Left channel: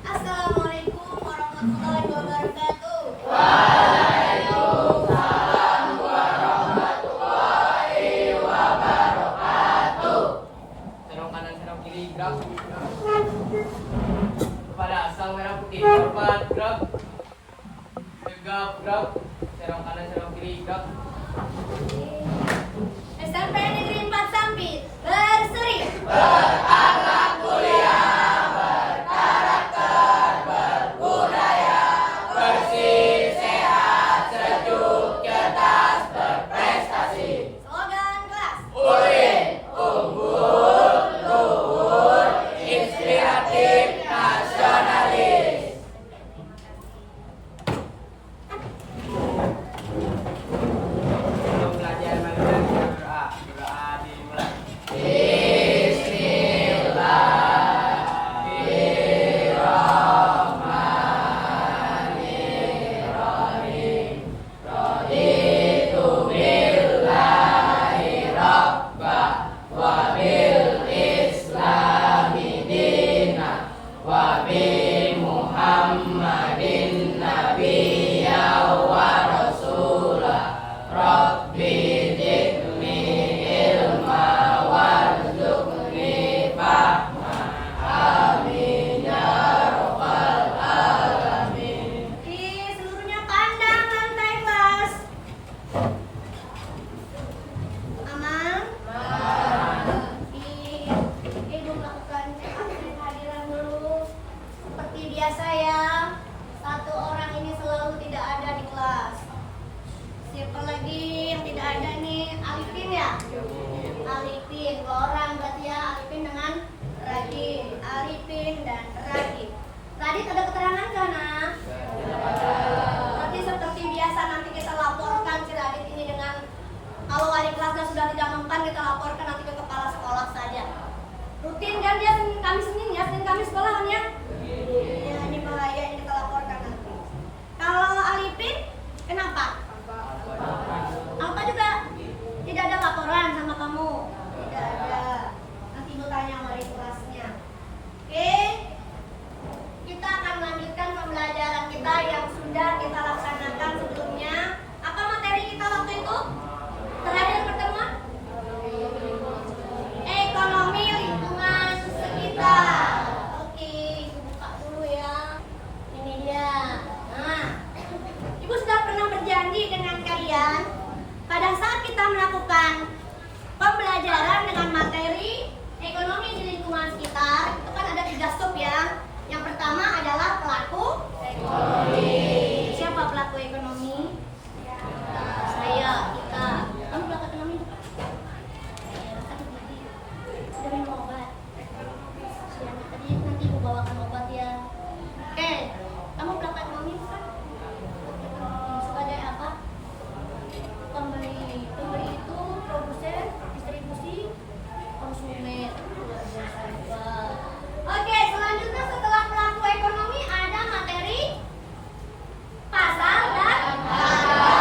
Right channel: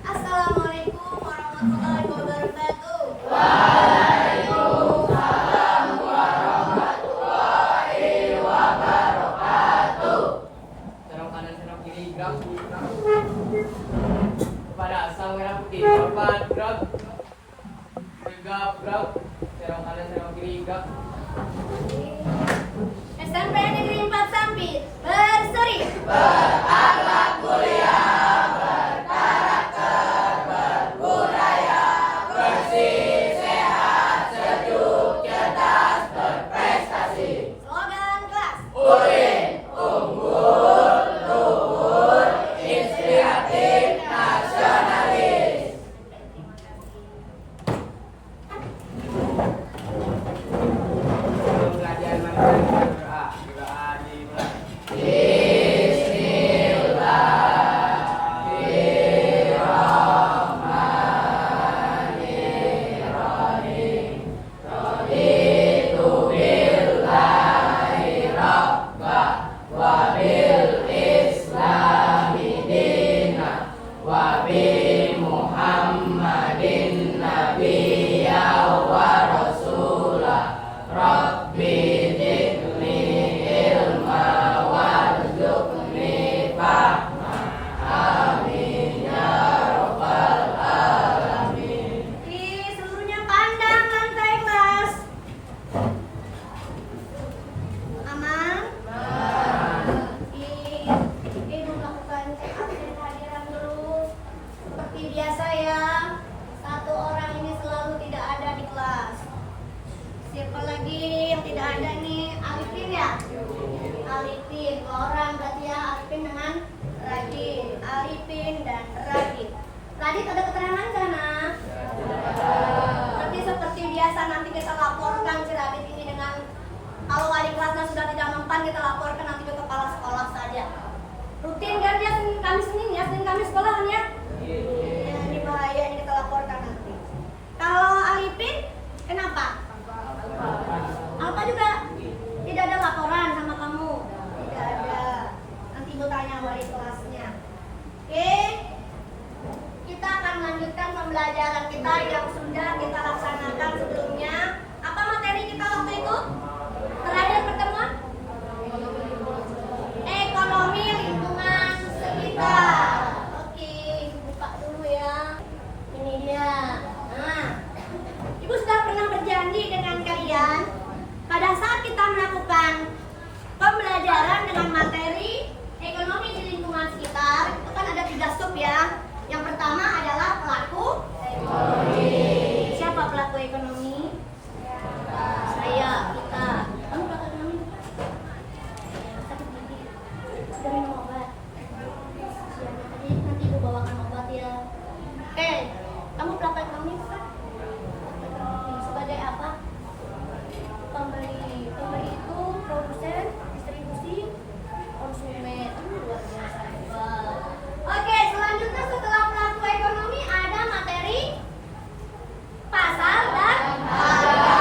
Assalamualaikum warahmatullahi wabarakatuh. Waalaikumsalam warahmatullahi wabarakatuh. Serong kanan serong kiri gerak. Kepada asal merah putih hormat gerak. Tegap gerak. Serong kanan serong kiri gerak. SMP Negeri 4 Sampit berseri. Berakhlak mulia, berkarakter, berbudaya, bersih, sehat, sejuk, cerdas, berprestasi. Slogan kelas. UIN, unggul, luhur, inspiratif, nasionalis. Sebelum pelajaran berdoa dimulai. Wabil Islami dina wabi Muhammadin nabiyya wa rasulah Rabbi zidni ilma warzuqni fahma amin ya rabbal alamin. Seluruhnya pandang lantai kelas. Aman. Ibu melakukan cek absen kehadiran dulu. Seperti biasa ya, satu orang ini selalu tidak ada di kelas. Siapa lagi yang tidak ada nih? Alipin ya? Alipin, dua orang berarti ya. Alipin dengan Radit. Alipin dan Radit. Radit ada keterangan gak nak? Berarti seperti biasa nanti kita laporkan si Radit ini dengan, kalau wali kelasnya sudah tidak mempan, kita laporkan nanti ke kepala sekolah saja. Rutin kan dia Senin Kamis sekolah kan ya? Ya, ini bahaya, ini kita laporkan nanti. Kalau Alipin, kenapa? Alpa juga tidak ada laporan sama kamu? Tidak ada. Nanti ibu tanya wali kelasnya. Oke, kita akan melanjutkan pembelajaran kita yang sudah kita laksanakan sebelumnya. Apa materi kita waktu itu? Terakhir pertemuan? Ekonomi lingkungan sekitar. Oke, ibu buka dulu ya. Ini dia. Nah, ibu sudah pernah berjanji dengan kalian pada saat kita melakukan pembelajaran dengan materi ekonomi di lingkungan sekitar. Itu kan ada 3 stop ya. Yang pertama adalah pelaku ekonomi. Siapa pelaku ekonomi? Saya, kita. Kamu pelaku ekonomi? Sakit gigi. Sudah minum obat. Siang tadi nanti ibu bawakan obat ya. Oke, kamu pelaku ekonomi bukan? Sebagai apa? Pembeli. Pembeli itu produsen, distribusi, konsumen. Luar biasa. Wow. Oke, selanjutnya setelah pelaku ekonomi ada materi pasar dan harga.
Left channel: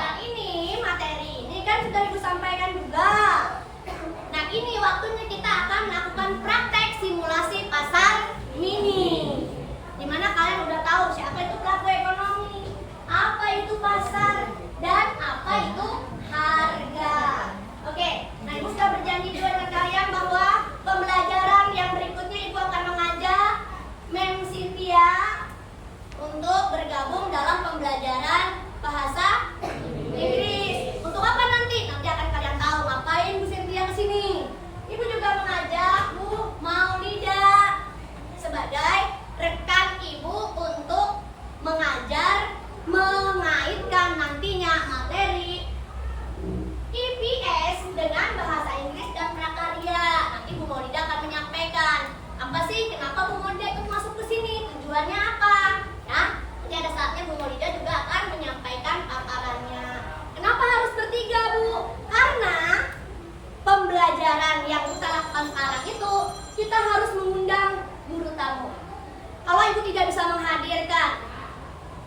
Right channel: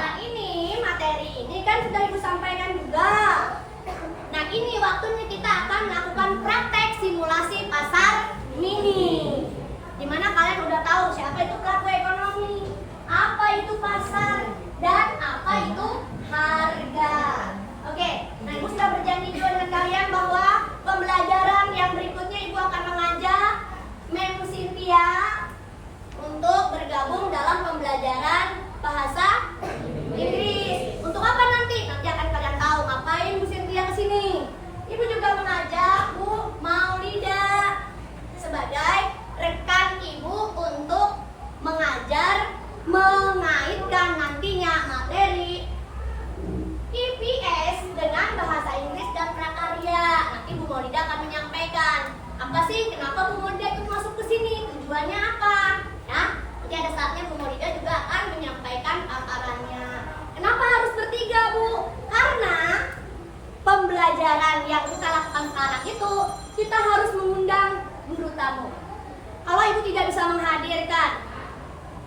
Nah ini materi ini kan sudah ibu sampaikan juga. Nah ini waktunya kita akan melakukan praktek simulasi pasar mini. Dimana kalian udah tahu siapa itu pelaku ekonomi, apa itu pasar, dan apa itu harga. Oke, nah ibu sudah berjanji juga dengan kalian bahwa pembelajaran yang berikutnya ibu akan mengajak kenapa Bu Maulida ikut masuk ke sini? Tujuannya apa? Ya, nanti ada saatnya Bu Maulida juga akan menyampaikan paparannya. Kenapa harus bertiga, Bu? Karena pembelajaran yang kita lakukan sekarang itu kita harus mengundang guru tamu. Kalau Ibu tidak bisa menghadirkan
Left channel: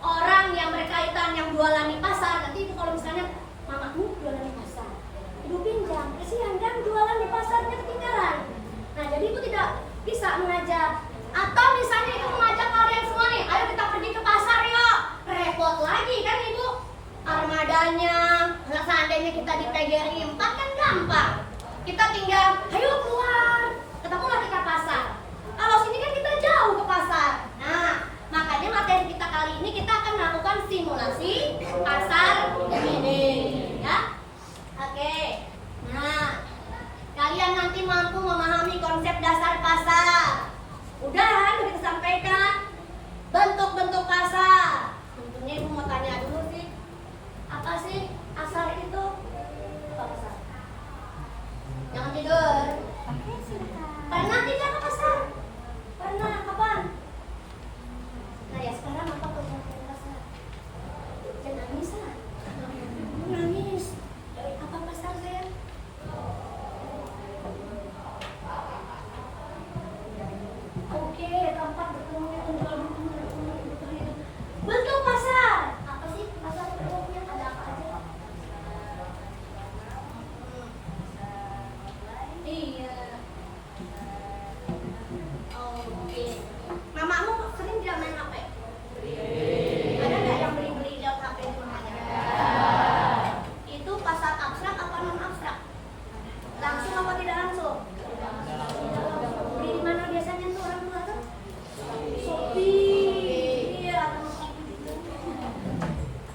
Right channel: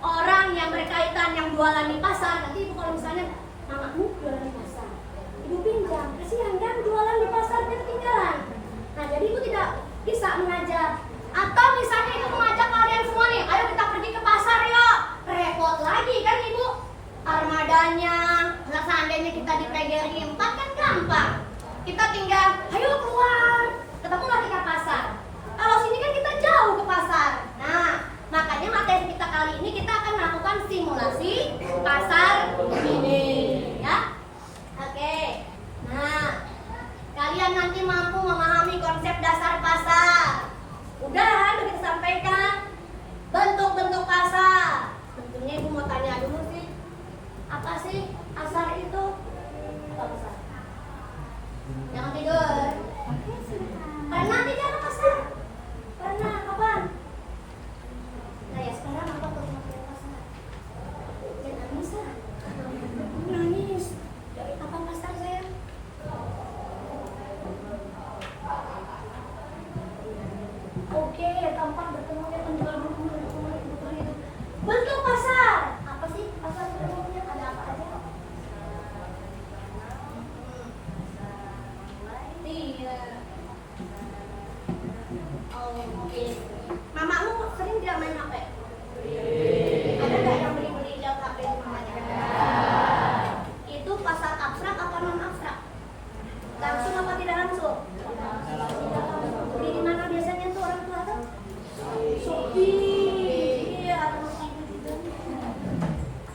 orang yang berkaitan yang jualan di pasar, nanti Ibu kalau misalnya mamamu jualan di pasar, Ibu pinjam, kesian kan jualan di pasarnya ketinggalan. Nah, jadi Ibu tidak bisa mengajar. Atau misalnya Ibu mengajak kalian semua nih, ayo kita pergi ke pasar yuk. Repot lagi kan Ibu, armadanya. Nah, seandainya kita di PGRI 4 kan gampang. Kita tinggal, ayo keluar, ketemulah kita pasar. Kalau sini kan kita jauh ke pasar. Nah, makanya materi kita kali ini kita akan melakukan simulasi pasar ini, ya. Oke. Nah, kalian nanti mampu memahami konsep dasar pasar. Udah disampaikan bentuk-bentuk pasar. Tentunya Ibu mau tanya dulu sih, apa sih pasar itu? Apa pasar? Jangan tidur. Pernah tidak ke pasar? Pernah, kapan? Nah ya sekarang apa tuh yang ke pasar? Jangan nangis lah. Nangis. Apa pasar sayang? Oke, tempat bertemunya penjual buku itu. Bentuk pasar. Apa sih pasar bentuknya? Ada apa aja? Iya. Oke. Mamamu sering tidak main HP? Ada nggak yang beli-beli lihat HP di rumahnya? Itu pasar abstrak apa non abstrak? Langsung apa tidak langsung? Beli di mana biasanya tuh orang tua tuh? Shopee. Iya, terus itu juga.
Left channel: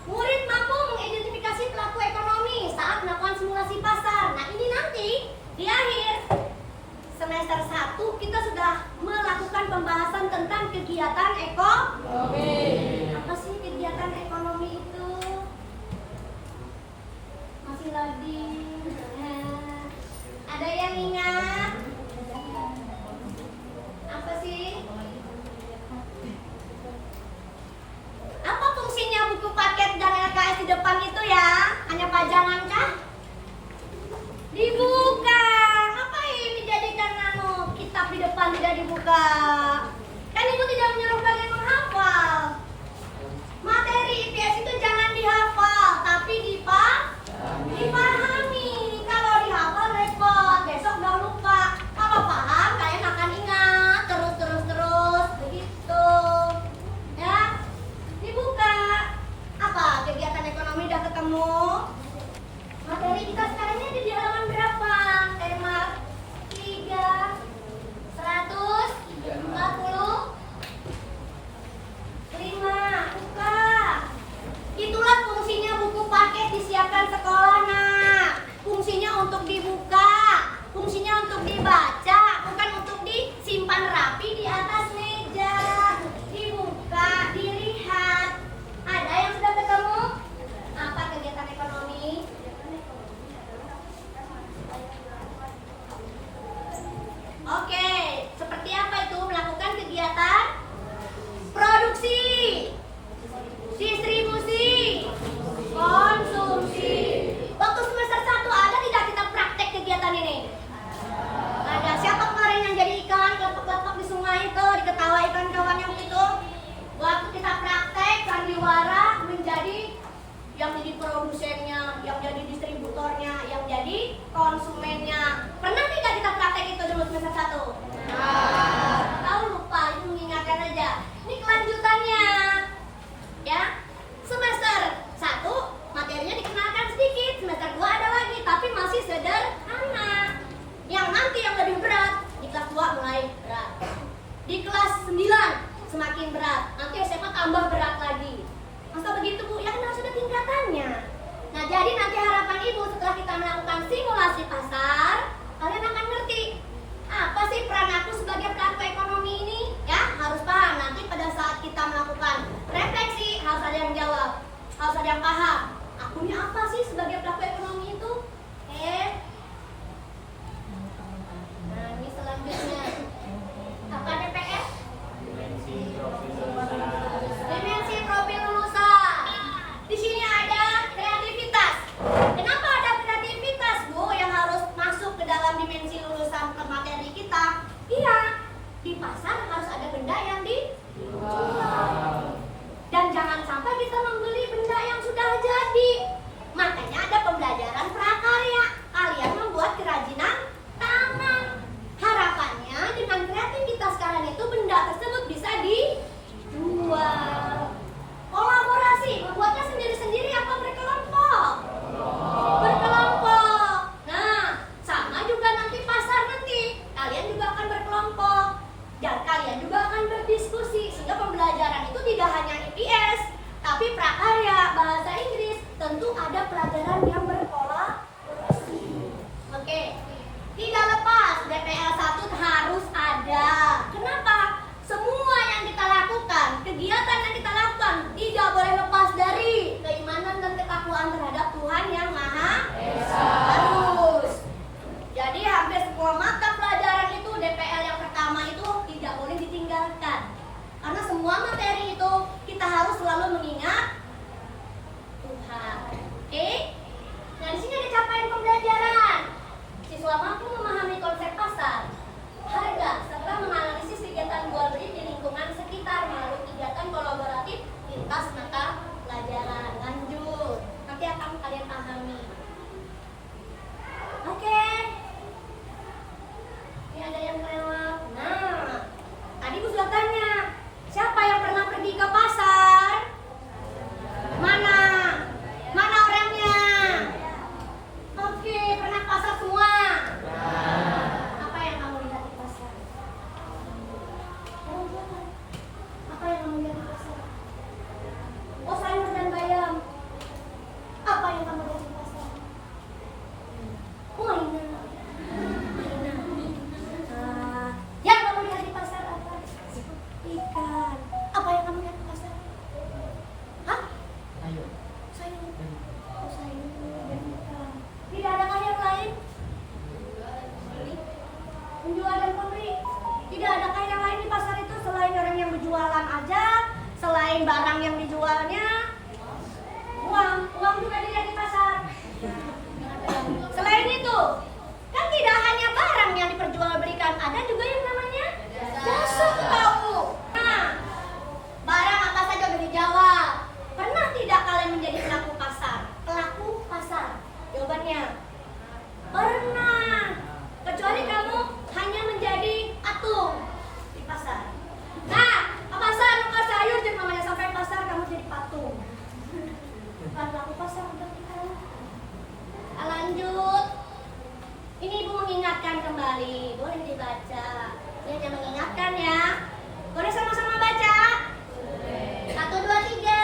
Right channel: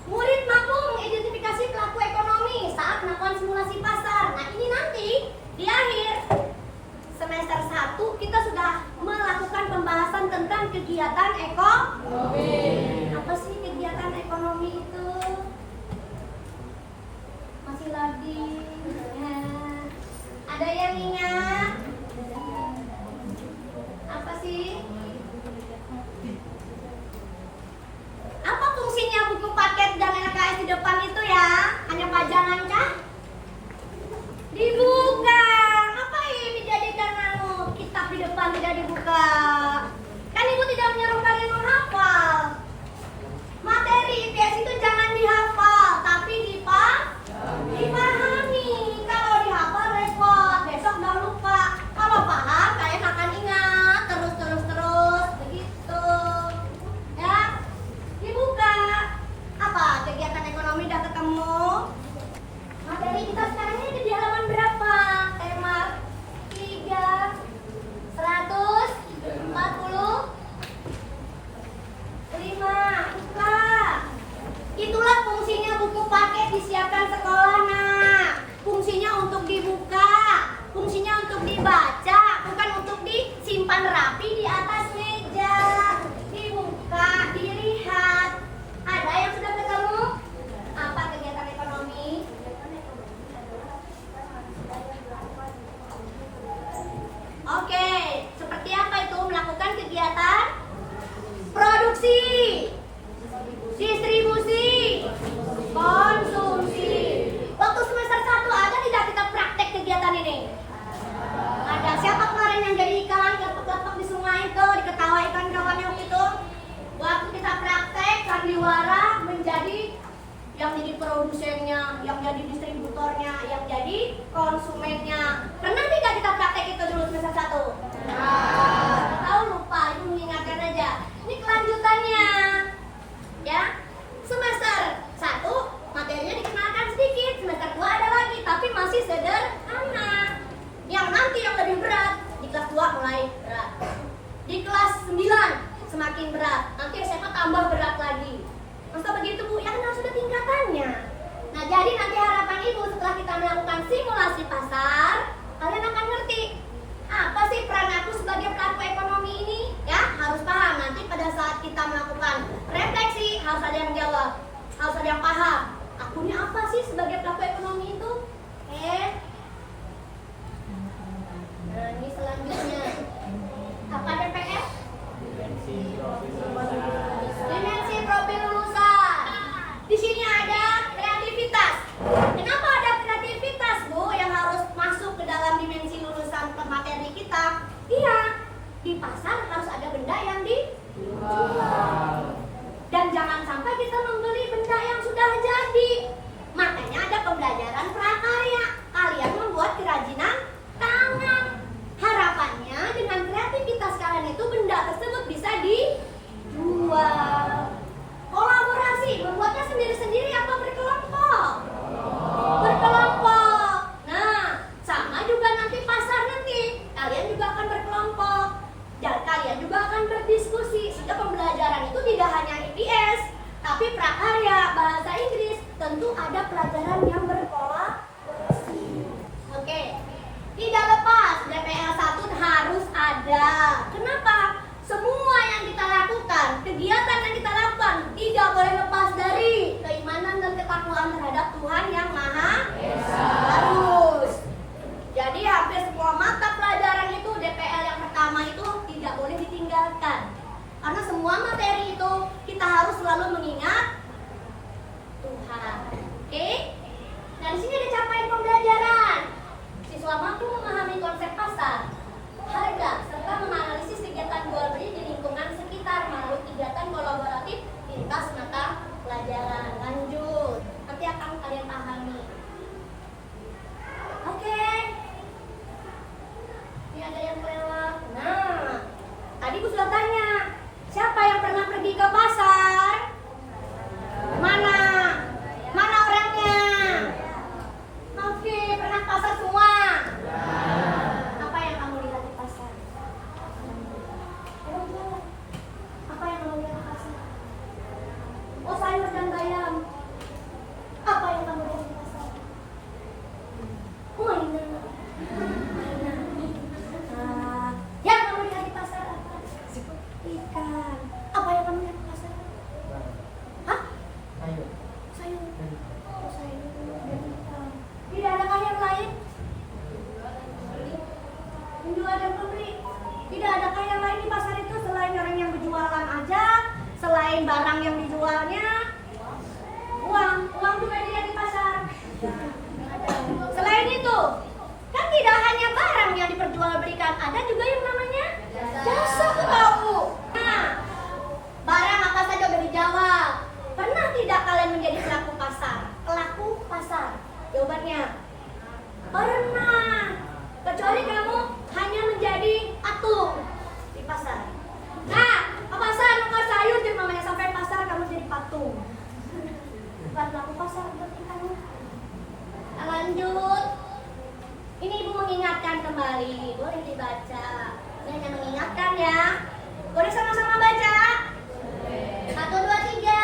Murid mampu mengidentifikasi pelaku ekonomi saat melakukan simulasi pasar. Nah, ini nanti di akhir semester 1 kita sudah melakukan pembahasan tentang kegiatan ekonomi. Apa sih kegiatan ekonomi itu? Masih lagi. Nah, ada yang ingat? Apa sih? Apa fungsinya buku paket dan LKS di depan itu ya? Hanya pajangan kah? Dibuka. Ngapain dijadikan kitab di depan tidak dibuka? Kan Ibu tidak menyuruh kalian menghafal. Materi IPS itu jangan dihafal, tapi dipahami. Kalau dihafal repot, besok udah lupa. Kalau paham kalian akan ingat terus begitu. Ya, dibuka. Apa kegiatan ekonomi udah ketemu? Materi kita sekarang ini ada di halaman berapa? Tema 3 145. Buka. Itulah fungsinya buku paket disiapkan sekolah, nak. Fungsinya untuk dibuka, fungsinya untuk dibaca, bukan untuk disimpan rapi di atas meja. Dibuka, dilihat. Ada yang sudah ketemu? Apa kegiatan ekonomi? Oke, seperti apa itu melakukan kegiatan produksi, distribusi, konsumsi. Waktu semester 1 ada tidak kita praktek kegiatan ini? Ada. Siapa kemarin yang jadi ikan kelopak-kelopak di sungai itu, diketawakan kawan yang itu? Waktu kita praktek sandiwara menjadi yang jadi produsennya, yang jadi distributornya, yang jadi konsumennya. Pernah tidak kita praktek itu dulu semester 1? Tahu lupa, itu mengingatkan aja. Ini kelanjutannya. Ya. Semester 1 materinya dikenalkan sedikit, semester 2 ada lagi, tapi masih sederhana. Yang nanti yang lebih berat, di kelas 2 mulai berat. Di kelas 9 semakin berat, nanti SMA tambah berat lagi. Masa begitu Bu? Ya kan harus ada tingkatannya. Nah, jadi nanti harapan Ibu setelah kita melakukan simulasi pasar, kalian akan ngerti apa sih peran aku sebagai pelaku ekonomi ini? Ya, harus paham. Nanti pada saat kita melakukan refleksi, harus ada yang jawab, harus ada yang paham. Aku ini apa sih sebagai pelaku ekonomi itu? Nah, ini selanjutnya. Apa PPS? di pasar harus ada benda yang dijual. Dan jangan sampai kita membeli benda yang sudah jadi. Makanya ada pembelajaran prakarya. Kalian membuat kerajinan tangan. Harapannya dengan kreativitas kalian itu benda tersebut bisa dijual. Kolaborasi, membuatnya sendiri-sendiri apa berkelompok? Berkelompok. Nah, sama juga nanti pasar nanti. Kalian juga akan berkelompok. Dan kalian juga akan berdiskusi. Sehingga pembelajaran itu tidak hanya IPS, tapi prakarya, bahasa Inggris. Tentu ada pelajaran yang berkolaborasi. Oke. Tidak lepas, DPL 1 harus ada. Kenapa? Semua yang kita lakukan, kegiatan yang kita lakukan tidak boleh lepas dari keimanan dan ketakwaan terhadap Tuhan yang Maha Esa. Harus. Jadi hampir semua mata pelajaran itu DPL yang pertama itu tidak boleh ditinggalkan. Karena semua materi itu kita harus selalu mengingat Tuhan. Oke? Nah, di sini ada capaian pembelajaran. Siswa mampu memahami konsep pasar, harga, serta menganalisis kegiatan jual beli di lingkungan sekitar melalui kegiatan kolaboratif lintas mata pelajaran. Lanjut, nanti akan kalian pahami. Oke. Ini ada yang lewat. Nah, tadi Bu sudah tanya, siapa yang pernah pergi ke pasar? Mana? Mana orangnya? Oke, pernah pasar semua? Apa yang kamu lihat di pasar? Apa yang kamu lihat di pasar? Oh, sayur dan bayam. Apa yang kamu lihat di pasar? Oh, mainan. Yang kamu lihat di pasar apa? Ikan. Apa yang kamu lihat di pasar? Hah? Sayur. Oh, sayur dan ikan. Tidak adakah yang lain? Menjual dan pembeli. Tidak adakah yang lain di pasar itu selain orang yang berjualan aja, selain barang yang dijualnya? Uang juga dilihat di pasar. Selain itu, kan tidak hanya barang yang diperjualbelikan, ada juga yang namanya jasa tahu. Nah, barang apa saja udah dijawab. Pernah tidak kalian menjadi pelaku pasar? Pelaku pasar. Jawabannya pernah. Kecuali kamu hanya menjadi atung di pasar. Nah, ke pasar nukar sayur jadi mamanya sampai pasar kamu jadi patung. Bukan pelaku pasar berarti kamu. Nah, lanjut. Ini Ibu mengingatkan kembali. Boleh dibaca. Ini hanya mengingatkan ya. Boleh sama-sama baca? 1, 2, 3.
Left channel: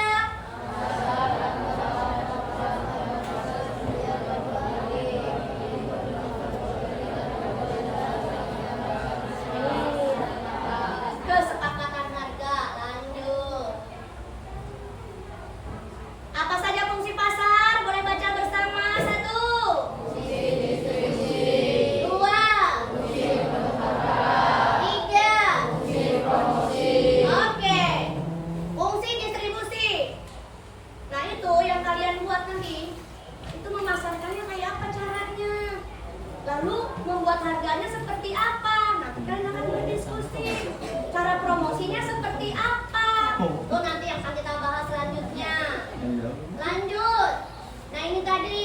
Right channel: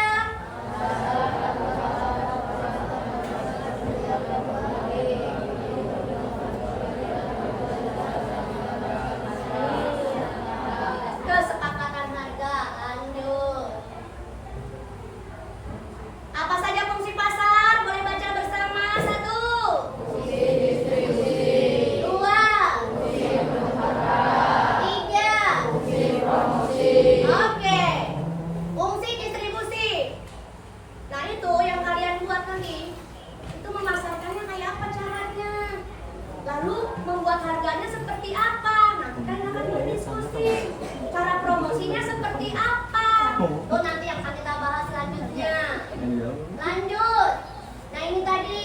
Kesepakatan harga. Lanjut. Apa saja fungsi pasar? Boleh baca bersama. 1. Fungsi distribusi. 2. Fungsi harga. 3. Fungsi promosi. Oke. Fungsi distribusi. Nah, itu yang kalian buat nanti. Itu memasarkannya kayak apa caranya? Lalu membuat harganya seperti apa? Nanti kalian akan berdiskusi. Cara promosinya seperti apa? Itu nanti yang akan kita bahas selanjutnya. Lanjut. Nah, ini tadi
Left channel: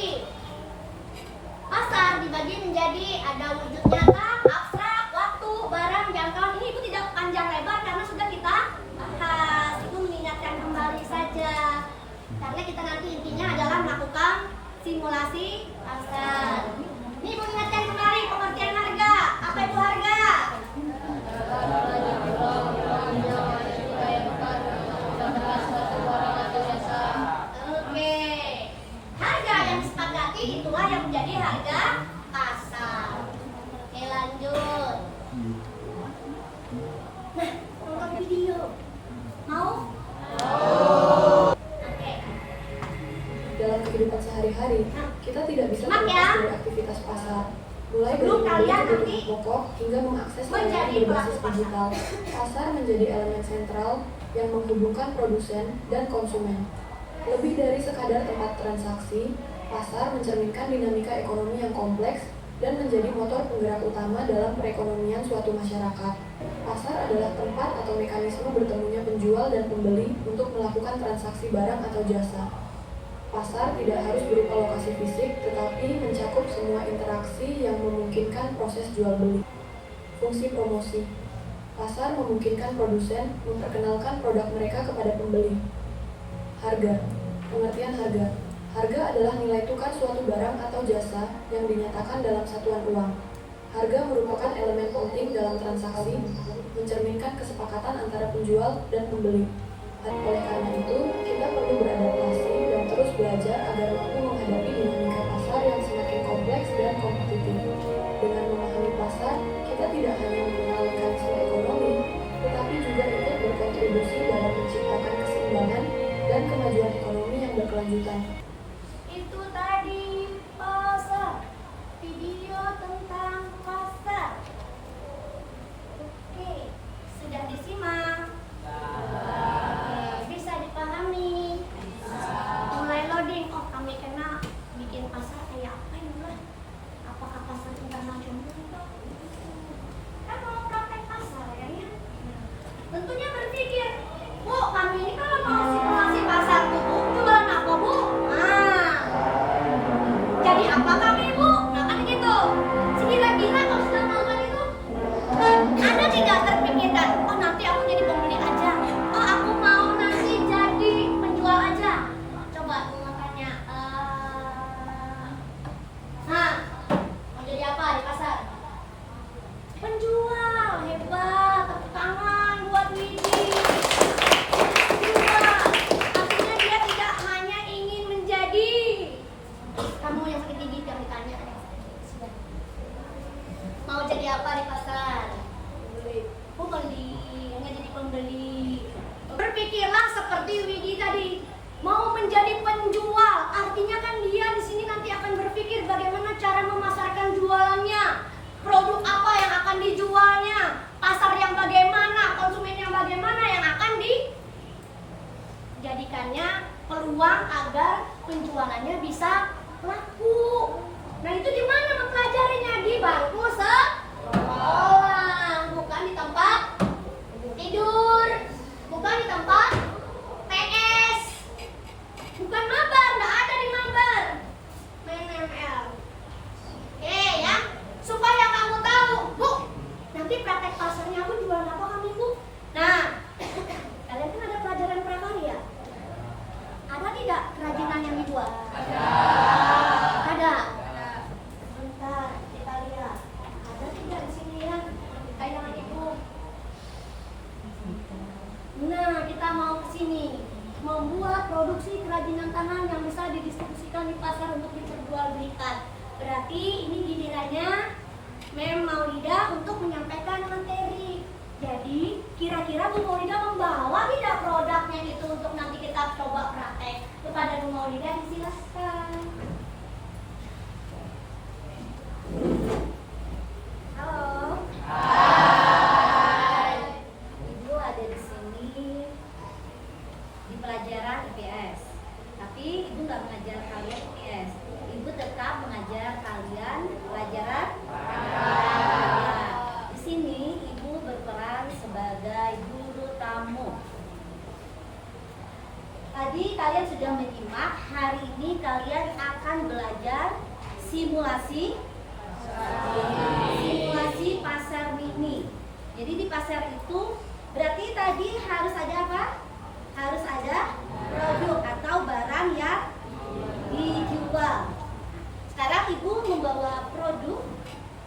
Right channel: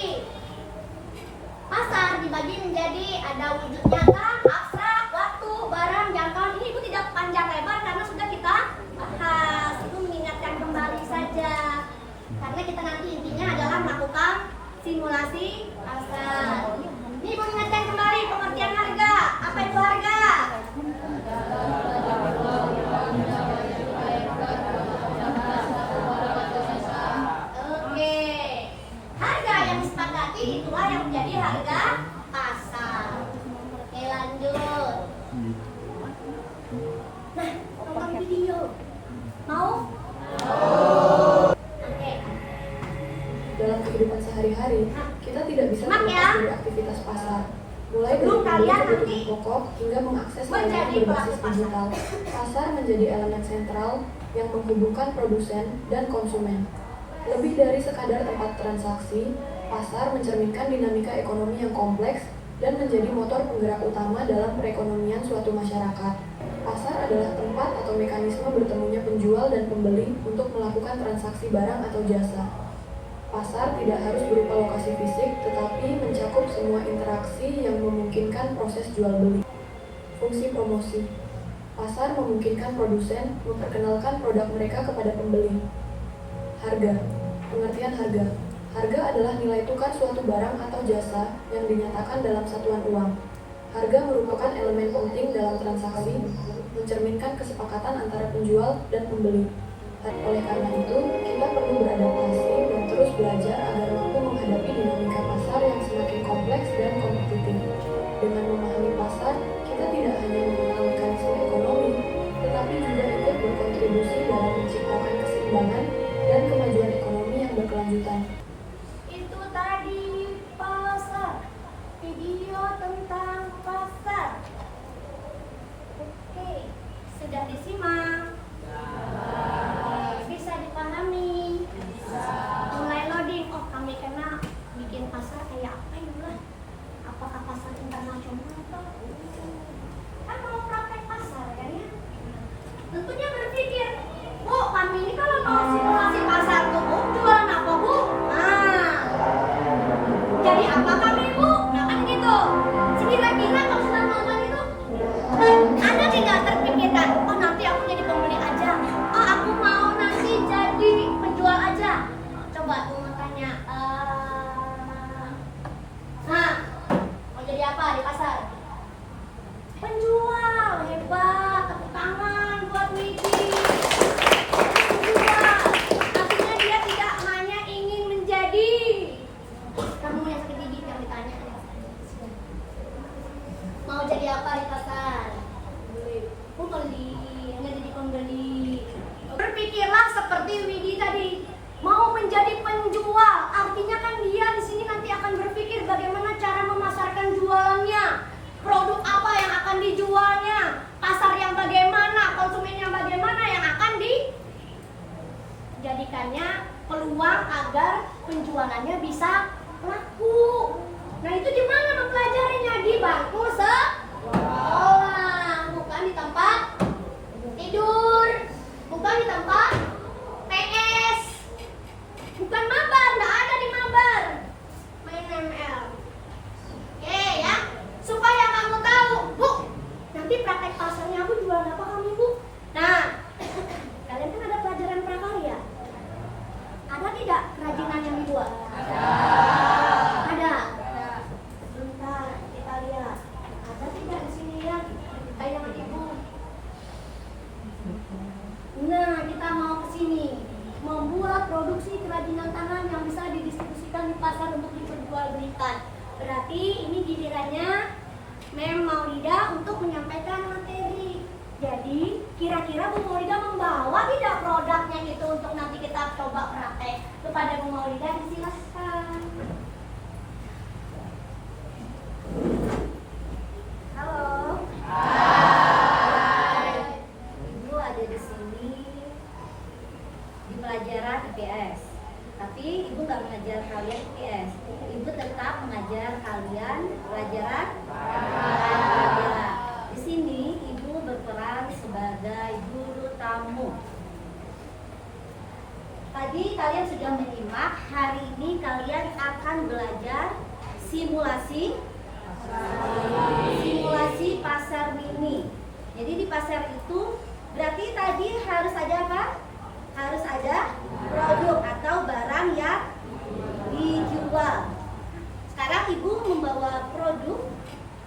pasar dibagi menjadi ada wujud nyata, abstrak, waktu, barang, jangkauan. Ini Ibu tidak panjang lebar karena sudah kita bahas. Ibu mengingatkan kembali saja. Karena kita nanti intinya adalah melakukan simulasi pasar. Ini Ibu ingatkan kembali pengertian harga. Apa itu harga? Oke. Harga yang disepakati itulah yang menjadi harga pasar. Oke, lanjut. Nah, nonton video. Mau? Oke. Dalam kehidupan sehari-hari, kita tidak bisa Mak terlepas ya. dari aktivitas pasar. Mulai dari Belum membeli kalian kebutuhan nanti. pokok hingga mengakses layanan Menjadi berbasis pelaku digital. Pasar menjadi elemen sentral yang menghubungkan produsen dan konsumen. Lebih dari sekadar tempat transaksi, pasar mencerminkan dinamika ekonomi yang kompleks dan menjadi motor penggerak utama dalam perekonomian suatu masyarakat. Pasar adalah tempat atau mekanisme bertemunya penjual dan pembeli untuk melakukan transaksi barang atau jasa. Pasar tidak harus berupa lokasi fisik, tetapi mencakup semua interaksi yang memungkinkan proses jual-beli. Fungsi promosi. Pasar memungkinkan produsen memperkenalkan produk mereka kepada pembeli. Harga. Pengertian harga. Harga adalah nilai tukar suatu barang atau jasa yang dinyatakan dalam satuan uang. Harga merupakan elemen penting dalam transaksi, mencerminkan kesepakatan antara penjual dan pembeli. Oleh karena itu, kita perlu beradaptasi dan terus belajar agar mampu menghadapi dinamika pasar yang semakin kompleks dan kompetitif. Dengan memahami pasar, kita tidak hanya mengenal mekanisme ekonomi, tetapi juga ikut berkontribusi dalam menciptakan keseimbangan dan kemajuan ekonomi yang berkelanjutan. Itu tadi pasar, video tentang pasar. Oke, sudah disimak? Bisa dipahami? Mulai loading. Oh, kami kena bikin pasar kayak apa ya lah? Apakah pasar internasional atau kan mau praktek pasar kan ya? Tentunya berpikir, Bu, kami ini kalau mau simulasi pasar tuh, Bu, jualan apa, Bu? Nah, jadi apa kami, Bu? Nah kan gitu. Sekira-kira kalau sudah nonton itu, ada tidak terpikirkan, oh nanti aku jadi pembeli aja, oh aku mau nanti jadi penjual aja. Coba aku mau tanya, nah, mau jadi apa di pasar? Penjual, hebat, tepuk tangan buat Widi. Penjual, artinya dia tidak hanya ingin menjadi. Kamu yang sakit gigi yang ditanya. Mau jadi apa di pasar? Pembeli, nggak jadi pembeli. Berpikirlah seperti Widi tadi, mau menjadi penjual. Artinya kan dia di sini nanti akan berpikir bagaimana cara memasarkan jualannya, produk apa yang akan dijualnya, pasar yang bagaimana, konsumen yang bagaimana yang akan dijadikannya peluang agar penjualannya bisa laku. Nah itu di mana mempelajarinya? Di bangku sekolah, bukan di tempat tidur, bukan di tempat PS, bukan mabar, nggak ada di mabar, main ML. Oke ya, supaya kamu tahu, Bu, nanti praktek pasarnya aku jualan apa kami, Bu? Nah, kalian kan ada pelajaran prakarya. Ada tidak kerajinan yang dijual? Ada. Bentar, kita lihat. Ada tidak di sini ya? Kayak dengan Ibu. Nah, kita mau ke sini. Membuat produksi kerajinan tangan yang bisa didistribusikan di pasar untuk diperjualbelikan. Berarti ini gilirannya Mem Maulida untuk menyampaikan materi. Jadi, kira-kira Bu Maulida membawa tidak produknya itu untuk nanti kita coba praktek. Kepada Bu Maulida disilahkan. Halo. Hai. Ibu ada di sini di pelajaran IPS. Tapi Ibu nggak mengajar kalian IPS. Ibu tetap mengajar kalian pelajaran prakarya. Di sini Ibu berperan sebagai guru tamu. Tadi kalian sudah menyimak, hari ini kalian akan belajar simulasi pasar mini. Jadi di pasar itu berarti tadi harus ada apa? Harus ada produk atau barang yang dijual. Sekarang Ibu membawa produk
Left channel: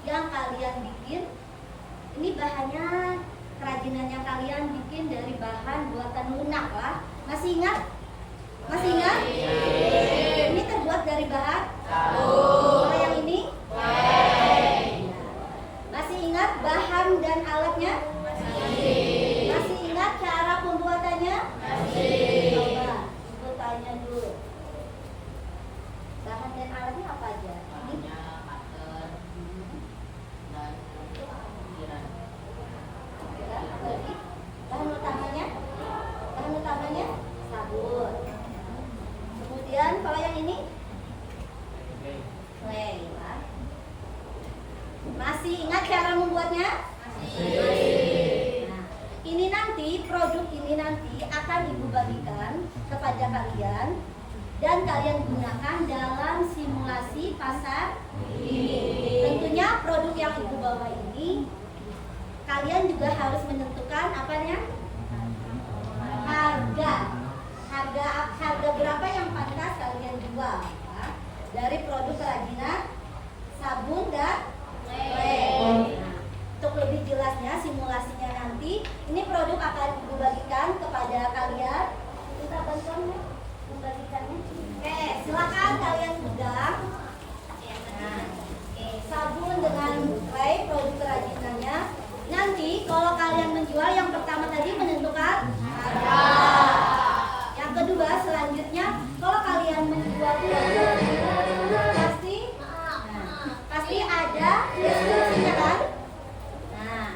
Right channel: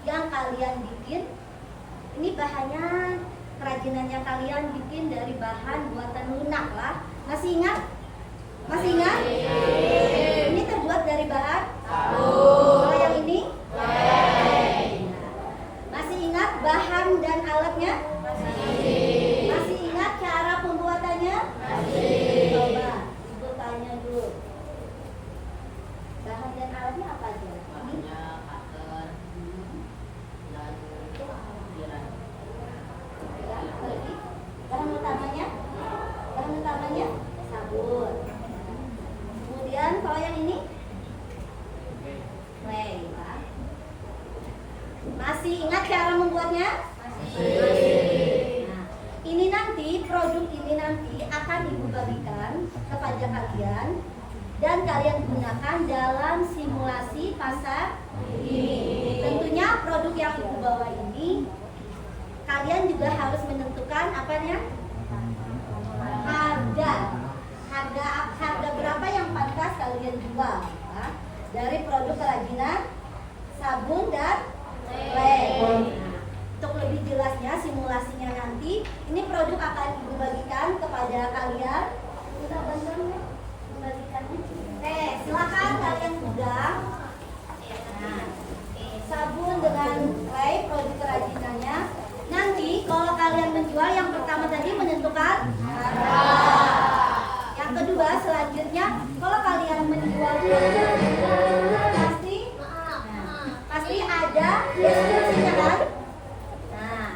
yang kalian bikin. Ini bahannya, kerajinannya kalian bikin dari bahan buatan lunak lah. Masih ingat? Masih ingat? Ini terbuat dari bahan? Kalau yang ini? Masih ingat bahan dan alatnya? Masih ingat cara pembuatannya? Coba Ibu tanya dulu. Bahan dan alatnya apa aja? Bahan utamanya sabun. Kemudian kalau yang ini clay. Masih ingat cara membuatnya? Masih. Ibu bagikan kepada kalian dan kalian gunakan dalam simulasi pasar ini. Tentunya produk yang Ibu bawa ini kalian juga harus menentukan apanya? Harga berapa yang pantas kalian jual ya? Dari produk kerajinan sabun dan lem. Untuk lebih jelasnya simulasinya nanti, ini produk akan Ibu bagikan kepada kalian. Minta bantuan ya, membagikannya. Silakan kalian pegang. Nah, sabun dengan lem produk kerajinannya. Nanti kalau kalian menjual yang pertama tadi menentukan harga. Yang kedua selanjutnya kalau kalian menjual pasti ada deskripsinya kan? Nah,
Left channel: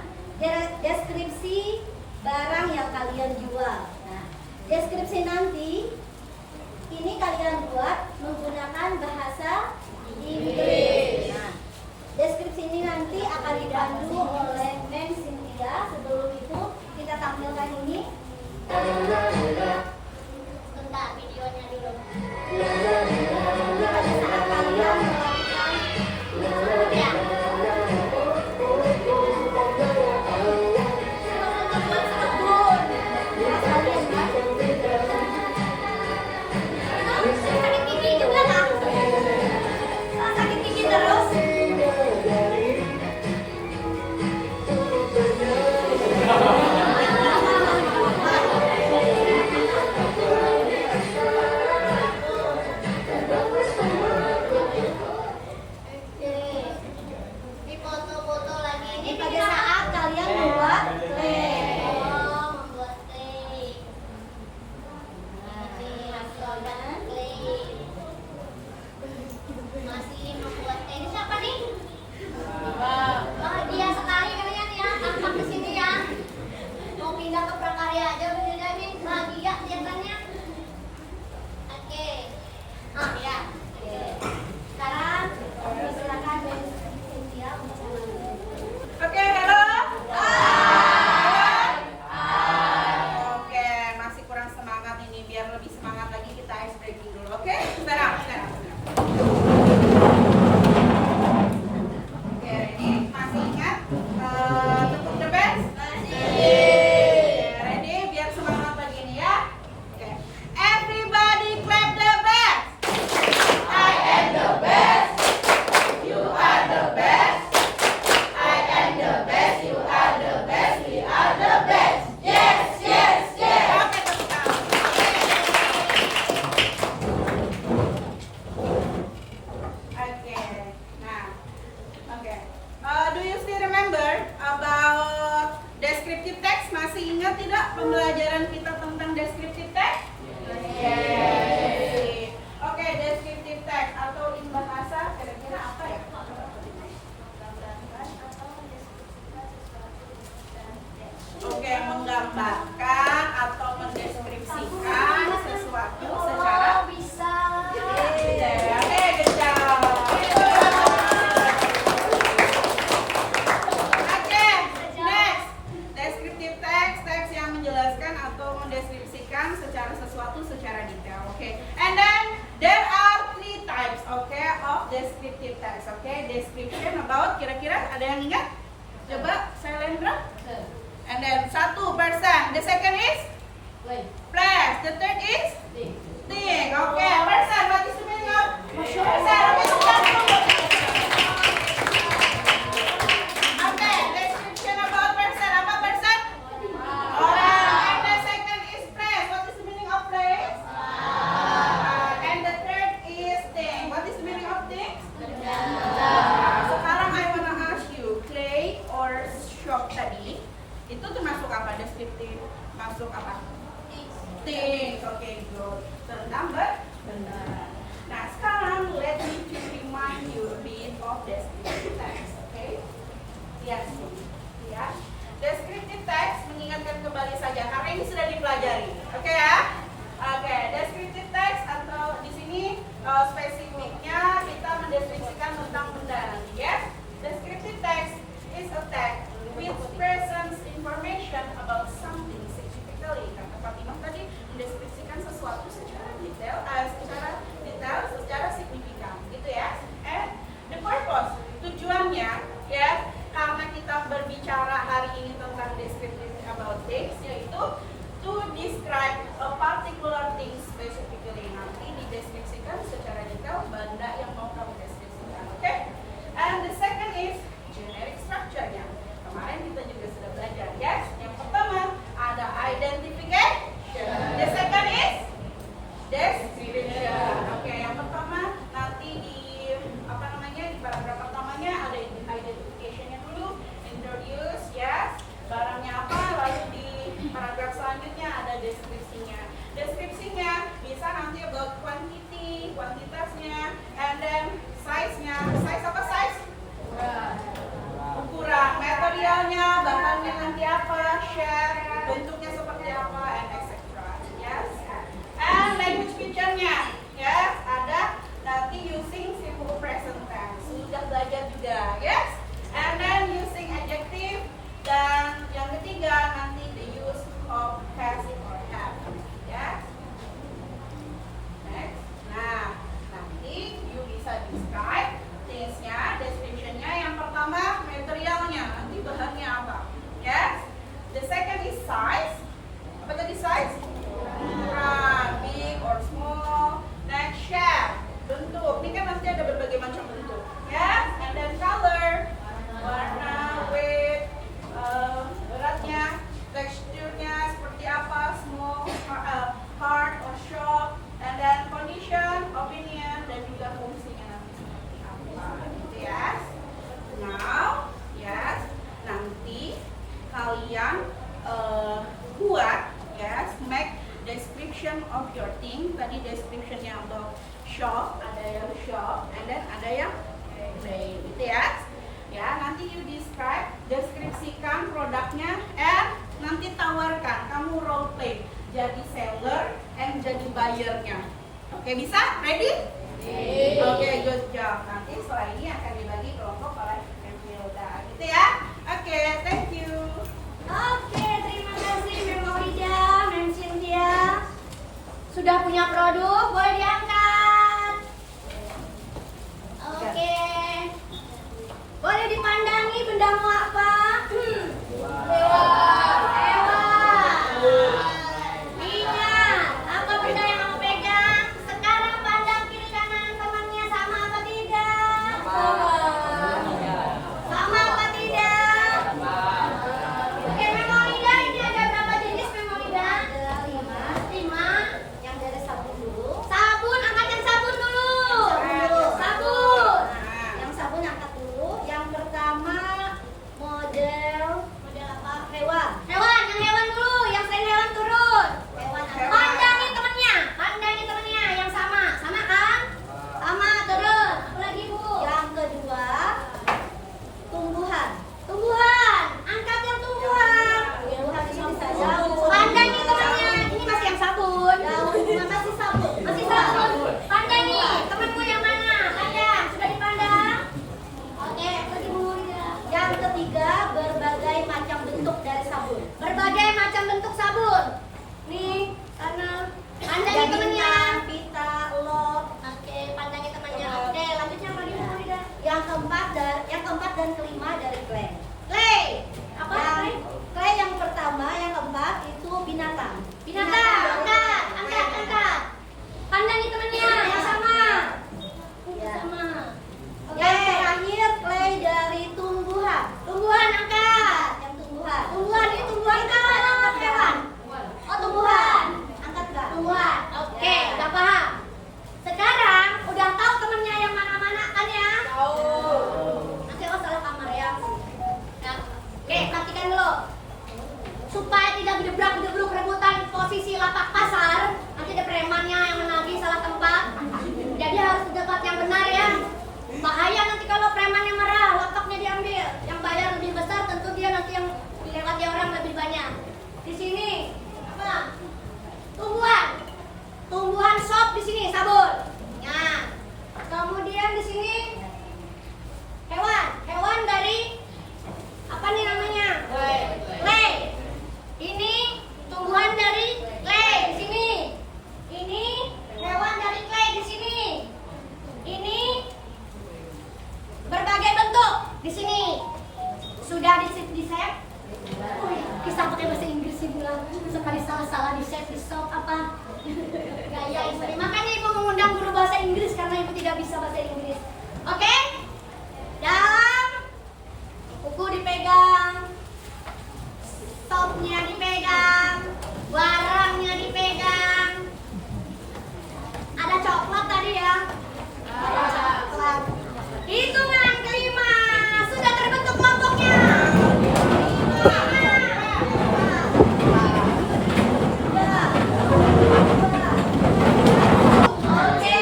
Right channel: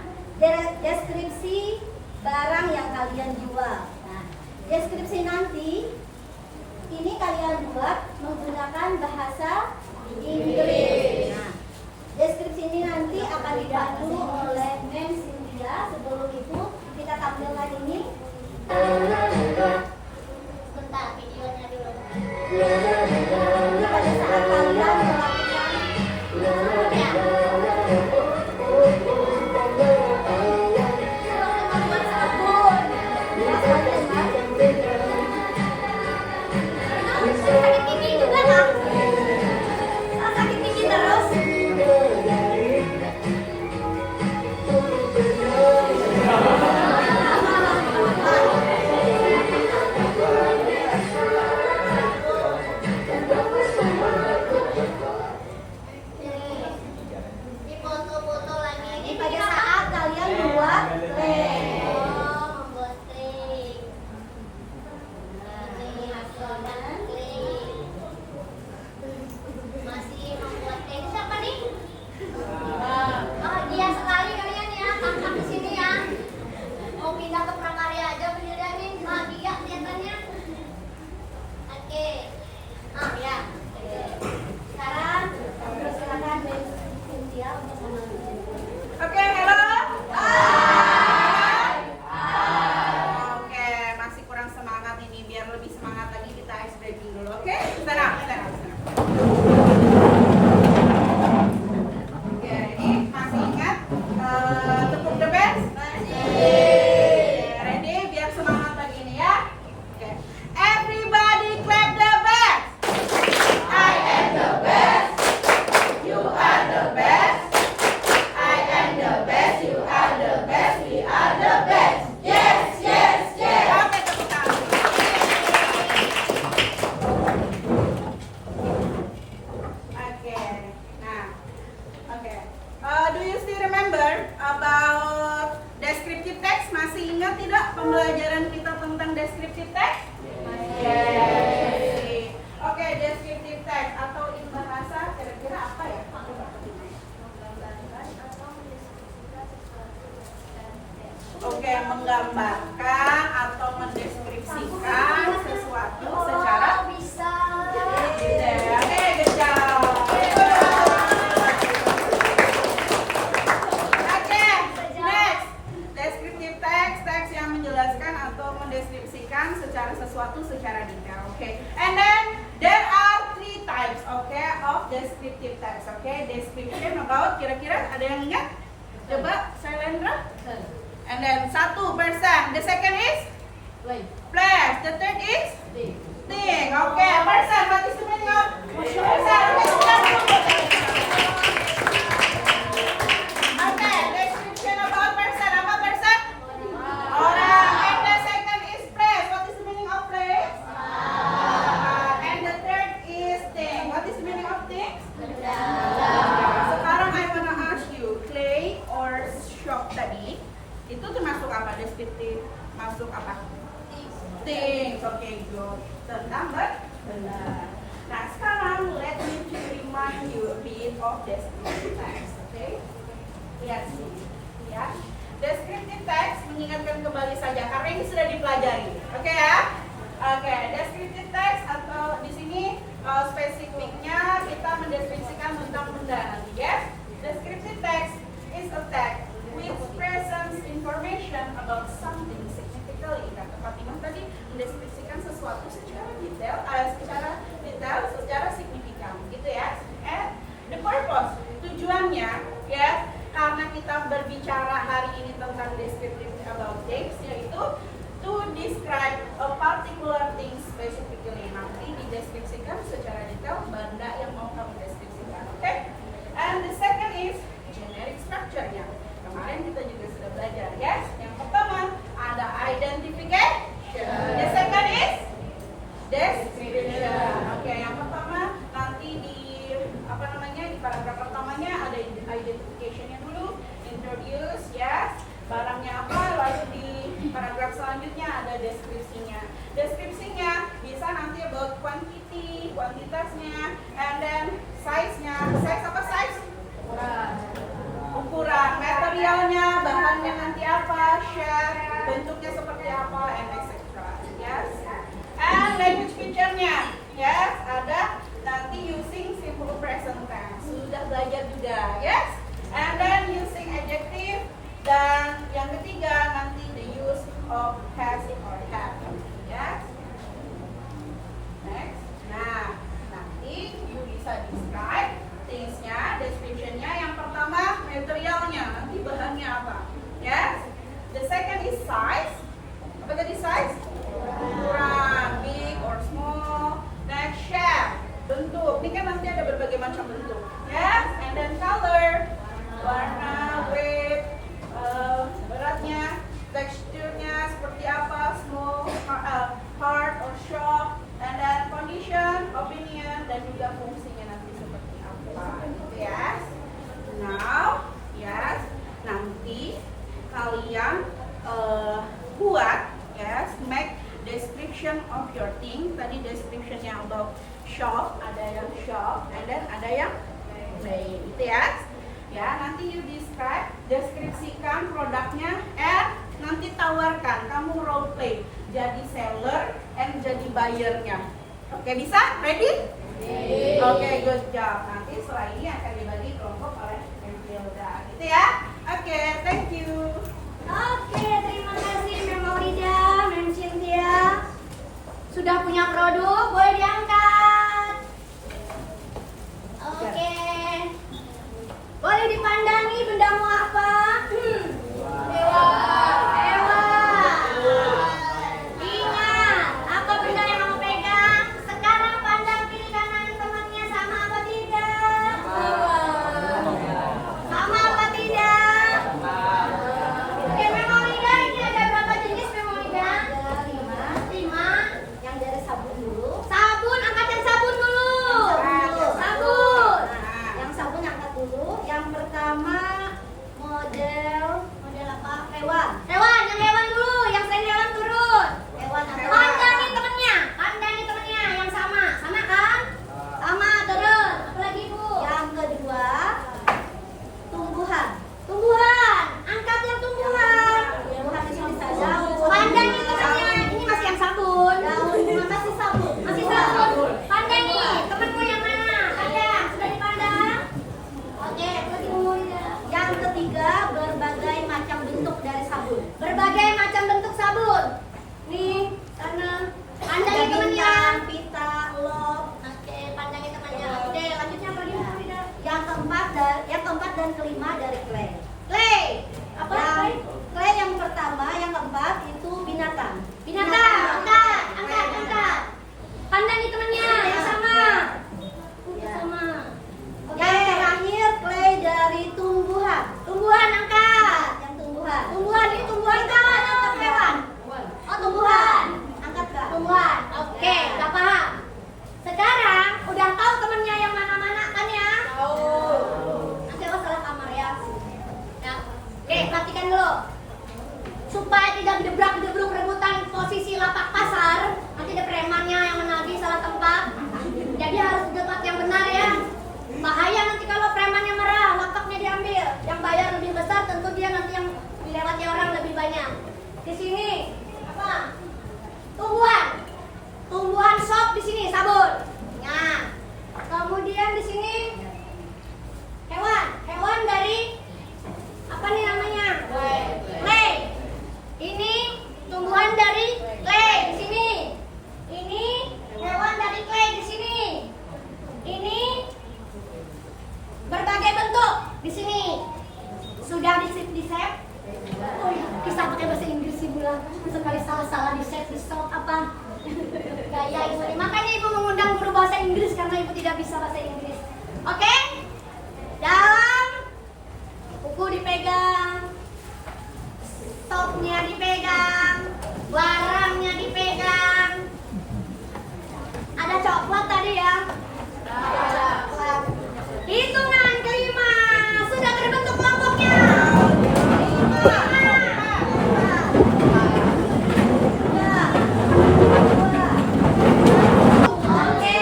deskripsi barang yang kalian jual. Nah, deskripsi nanti ini kalian buat menggunakan bahasa Inggris. Nah, deskripsi ini nanti akan dibantu oleh Mem Cynthia. Sebelum itu kita tampilkan ini. Sebentar videonya dulu. Pada saat kalian melakukan sakit gigi juga lah. Sakit gigi terus. Di foto-foto lagi ini pada saat kalian membuat teh. Membuat teh. Masih membuat teh. Ini siapa nih? Dia sekali kalian ya, tangkap ke sini ya. Mau pindah ke prakarya aja bener nih, bahagia kelihatannya. Oke. Ya. Sekarang silakan Mbak Cynthia untuk mengambil. Oke, halo. Oke, masih kurang semangat ini. Biar lebih semangat lagi kita ice breaking dulu. Oke, sekarang. Oke, ready? Masih ingat tepuk the best? Ready? Biar semangat lagi nih ya. Oke, everybody clap the best. I am the best. You are the best. I am the best, you are the best, we are the best. Yes, yes, yes. Oke, tepuk tangan. Oke, nah, oke. Do you still remember about descriptive text? Masih ingat tidak pembelajaran kita tentang descriptive text? Yes. Oke, descriptive text atau in bahasa kira-kira apa ya? Oke, menggambarkan atau mendeskripsikan sesuatu secara bisa. Oke, good job. Oke, next. Descriptive text, teks yang menjelaskan atau mendeskripsikan secara sesuatu secara detail. Oke, and then there are three types, of descriptive text. Description about, kira-kira ada yang ingat? Coba, Sailendra. And then satu person. The second is place. The third is thing. Okay, person. What is the meaning of person? Okay, description about person. Apa person? Orang. And the second is place. What is the meaning of place? And the third is thing. What is the meaning of thing? Sekarang I wanna ask you, clay or shop tadi itu termasuk apa? Deskriptif masuk apa? Things. Oke, good. Tentang benar. Nah, sekarang let me to remind you a bit of descriptive text. Oke? Lihat sini. Lihat. Descriptive text mengingatkan kembali saja karena ini sudah dipelajari. Oke ya? Oke, descriptive text atau di sini spesifiknya kita mendeskripsikan tentang benda. Yes? Descriptive text is a text which presents information about something significantly. Kata Fatimah tadi, things, yaitu to describe a particular thing specifically. Nanti dideskripsikan secara detail benda yang mau kamu deskripsikan, oke? And the second is generic structure-nya. Kemarin kita juga sudah belajar, ya. Yang pertama ada identification. The second is description. Oke, yang pertama nanti di di paragraf pertamanya ada identification-nya dulu, introduce, yes, barangnya apa, lalu di paragraf selanjutnya ada deskripsinya. Deskripsinya bisa nanti about quantity, kuantitasnya, and then size-nya. Size apa size? Ukuran, materialnya, bahannya nanti apa, shape, bentuknya seperti apa, and etc. Yes. And language feature-nya, yes, ada nanti using simple present tense. Sudah belajar juga, yes. And then using adjective, dan yang ketiga nanti the use of has or have, yes. Next. Nah, nanti you bisa describe things-nya, description-nya. Yang pertama materialnya, nanti bahannya apa, yes. The second is size. Apa tadi size? Ukuran, big or small. Next, shape, bentuk. Ini kan nanti ada berbagai macam bentuk, ya. And then color, warna, weight, beratnya, teksturnya seperti apa, small, hard or soft, and then condition, opinion, dan juga fungsinya nanti seperti apa, gitu ya. Now, yes, nanti kalian buat, yes, make description of your thing. Tadi descriptionnya about shop, ada yang shop, and then ada yang play, gitu ya. Ya, nanti you describe, deskripsikan produknya, and nanti tawarkan, kamu role play, jadi seller and jadi buyernya. Oke, bisa? Ready? Oke, good job. Nanti setelah ini akan dibagi kelompok oleh Hilda, gitu ya. Oke, thank you. Oke, terima kasih Mem Maulida, Mem Cynthia. Sudah punya produk, boleh diangkat. Oke. Boleh dipandangi bendamu apa? Hewan. Ingat, apa benda yang kamu pegang? Sekarang pandang kiri kanan temannya, sama apa tidak? Sama apa tidak? Oke, memorida ini ada berapa jenis memorida? Ada 5. Yang dari sabun dulu. Sabun, angkat yang sabun dulu. Sabun. Yang sabun angkat dulu. Yang pertama model apa? Hewan. Yang hewan dulu. Yang selain hewan turun. Hewan. Pandangi temennya. Yang sama. Sama kan? Sama, turun. Apa lagi, Bu? Yang kedua tumbuhan. Angkat yang tumbuhan. Tumbuhan di sini bisa daun. Pandangi temannya. Ini masih yang sabun. Masih sabun. Pandangi temanmu yang mana? Ada. Sudah dipandang? Oke, lagi Bu. Yang ketiga, berbagai macam bentuk dari sabun. Berbagai macam bentuk sabun. Nih, karena pandangi temannya. Pita, lop. Oke, pandangi temannya. Oke, lanjutnya apa lagi, Bu? Yang keempat dan kelima dari clay. Apa clay yang pertama, yang keempat itu binatang. Angkat. Pandangi temannya yang sama. Sama. Yang terakhir clay dari tumbuhan. Angkat. Yang tumbuhan. Ini tumbuhan kawan atau hewan? Oh, tumbuhan. Angkat Kak. Tumbuhan. Oke, udah paham. Sekarang udah tahu temennya yang mana-mana kan ya? Tahu. Nanti aku salah kamar ya. Nah, oke, perhatikan dulu. Supaya tidak gebruk rebutan posisi lapak pasar, nanti ada premannya yang menagih salah tempat. Jadi harus di tempat yang benar ya. Bahaya nanti kalau premannya merah, lapaknya diambil. Yang bayar lebih besar, tentu dia nanti yang dilewati orang lebih banyak. Di sini apa? Tumbuhan shop di sini sabun. Nah, kemudian di sini hewan dari apa nih namanya? Clay. Ini tumbuhan dari clay di sini. Ini hewan dari clay di sini. Ini berbagai bentuk di sini. Sudah di save? Kisah pakai bahasa sekali salah-salah di set, di stop apa gaya ibu. Makanya ibu mengundang guru bahasa Inggris karena ibu tidak bisa bahasa Inggris. Oke? Dan buku dipegang, stopnya dipegang, barangnya dipegang. Ada coklat tadi ya? Ada coklat. Hitungan kelima, sudah terbentuk kelompoknya. Oke,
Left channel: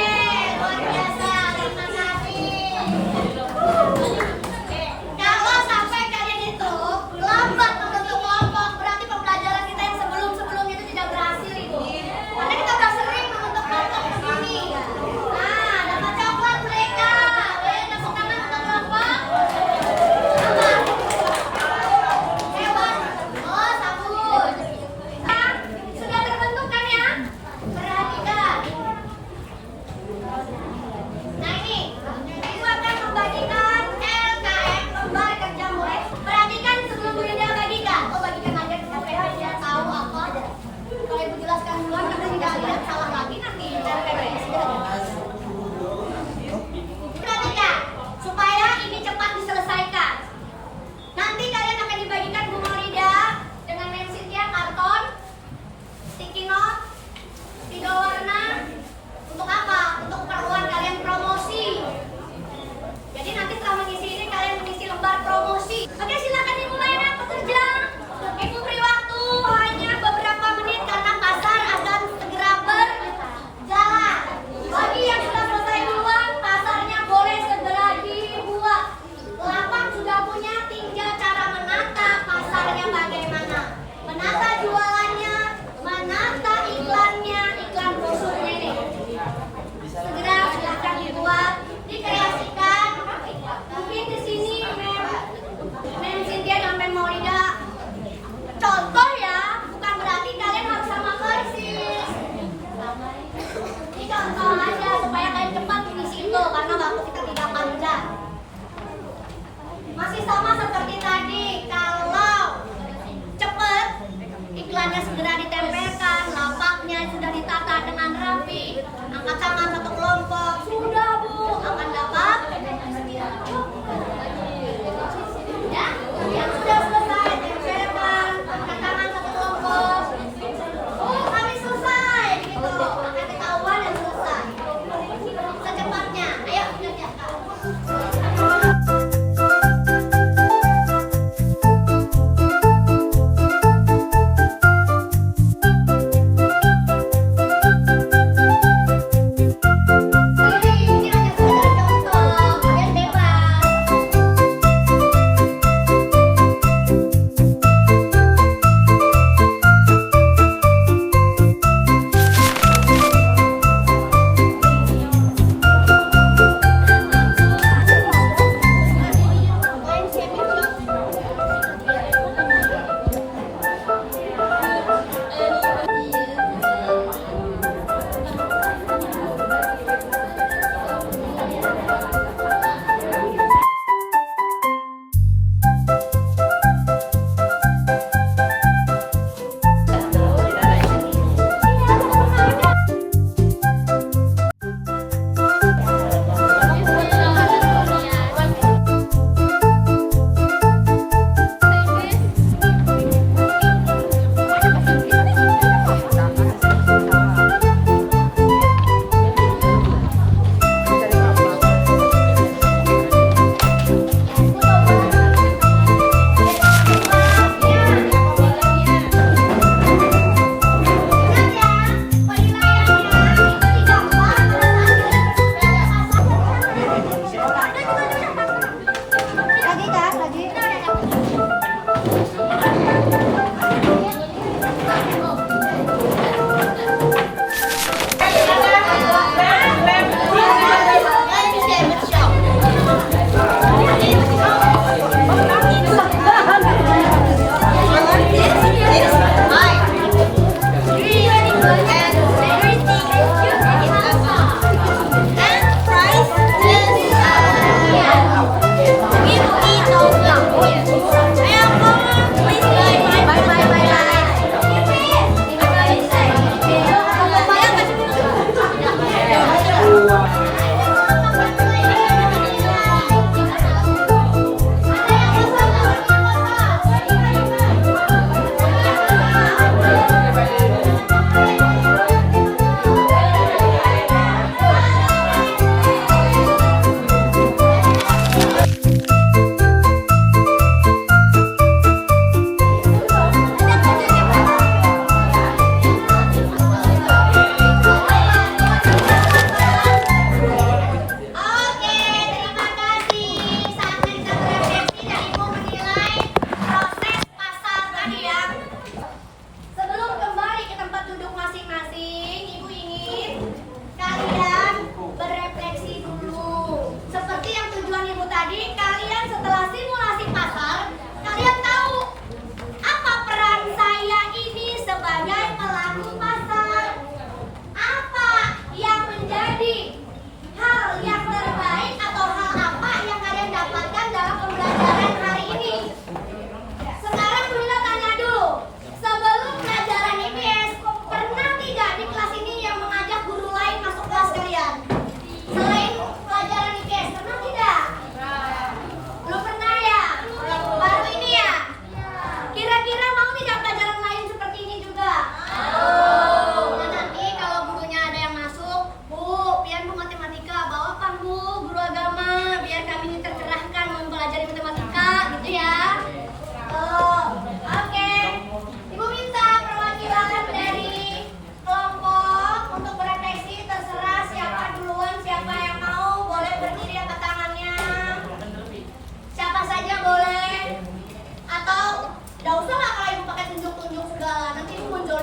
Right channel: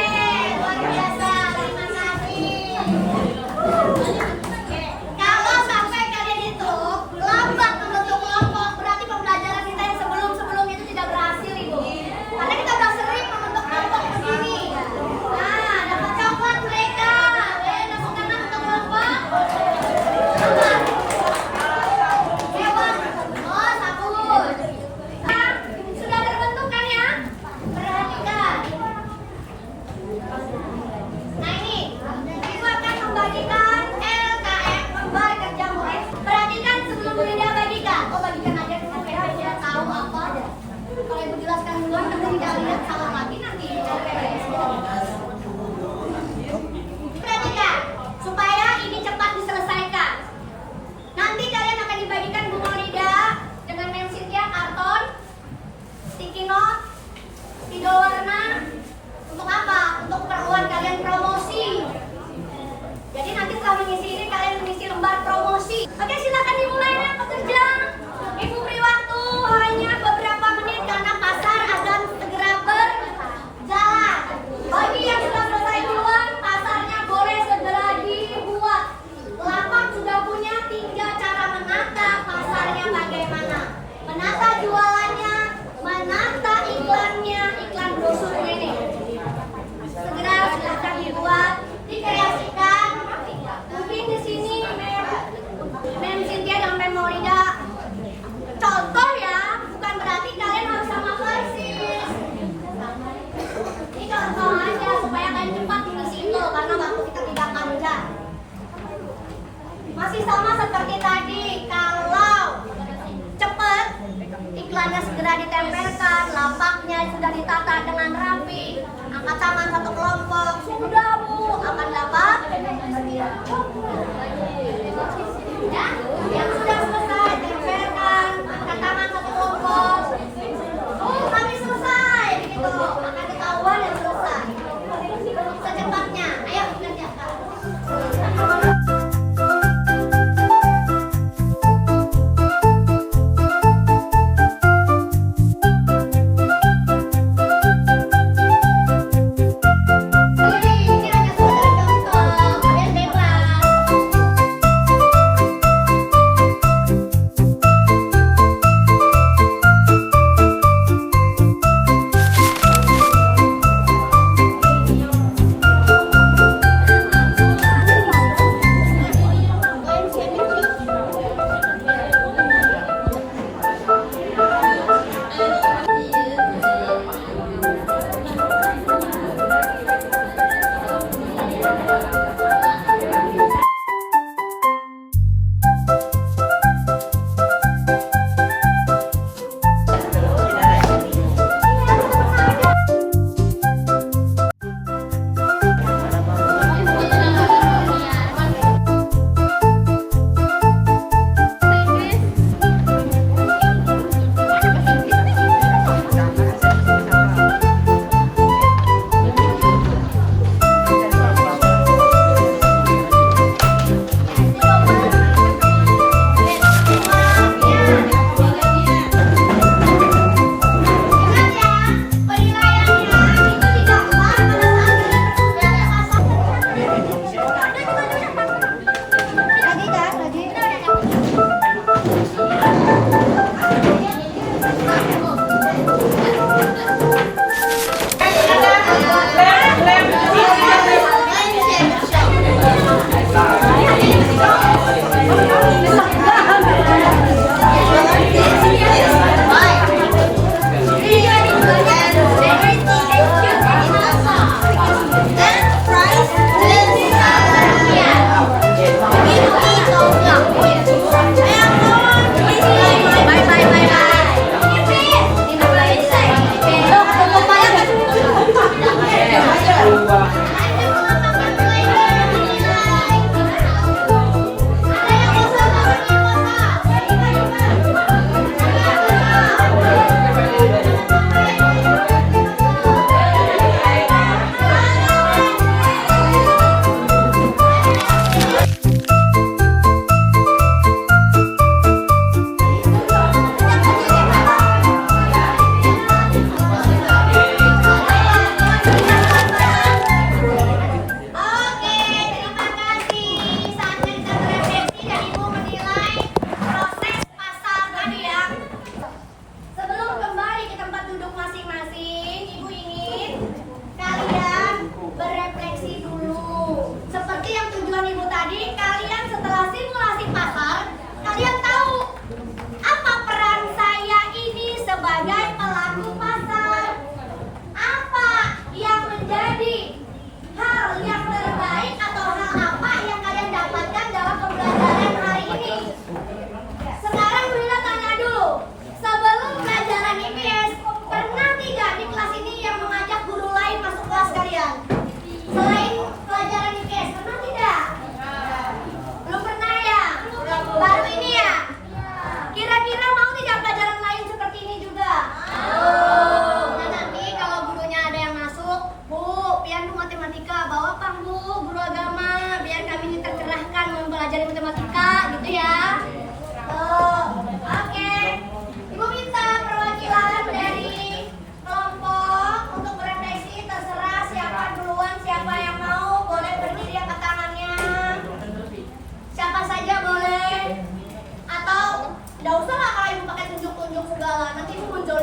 luar biasa. Terima kasih. Oke, kalau sampai kalian itu lambat membentuk kelompok, berarti pembelajaran kita yang sebelum itu tidak berhasil, Ibu. Karena kita udah sering membentuk kelompok begini. Nah, dapat coklat mereka. Ayo, masuk tangan untuk kelompok. Hewan. Oh, sabun. Nah, sudah terbentuk kan ya? Perhatikan. Nah ini, ibu akan membagikan LKM, lomba kerja murid. Perhatikan sebelum Bu Ida bagikan. Oh, bagikan aja sampai dia tahu apa. Kalau ibu jelaskan duluan, nanti tidak lihat salah lagi nanti. Perhatikan, supaya ini cepat diselesaikan. Nanti kalian akan dibagikan Bu Maulida dengan Mem Cynthia karton, sticky note, spidol warna. Untuk apa? Untuk keperluan kalian promosi. Jadi nanti setelah mengisi ini kalian mengisi lembar promosi. Oke, silakan dimulai dan bekerja. Ibu beri waktu hanya beberapa menit karena pasar akan segera berjalan. Bagi yang sudah selesai duluan, pasarnya boleh segera dibuat. Lapak sudah punya 3 cara menata pasarnya bagaimana. Menata jualannya, menata iklannya, iklan brosurnya ini. Segera silakan dibuat, dikreasikan. Mungkin di sini Mem Cynthia dan Mem Maulida contoh ya, bukan berarti kalian harus sama persis. Ini contoh aja supaya kalian cepat mengisi itu karena waktu kita tidak panjang. Masih sama seperti tadi, kalau cepat iklannya segera ditempelkan, lapaknya sudah ditata dengan rapi, angkat tangan satu kelompok, sudah Bu, akan dapat ya, yang sudah selesai tempelkan, angkat tangan satu kelompok. Oh, kami selesai, begitu, akan ketahuan yang selesai. Secepatnya, ayo kerjakan. Ini hanya sekedar contoh, kalian bebas.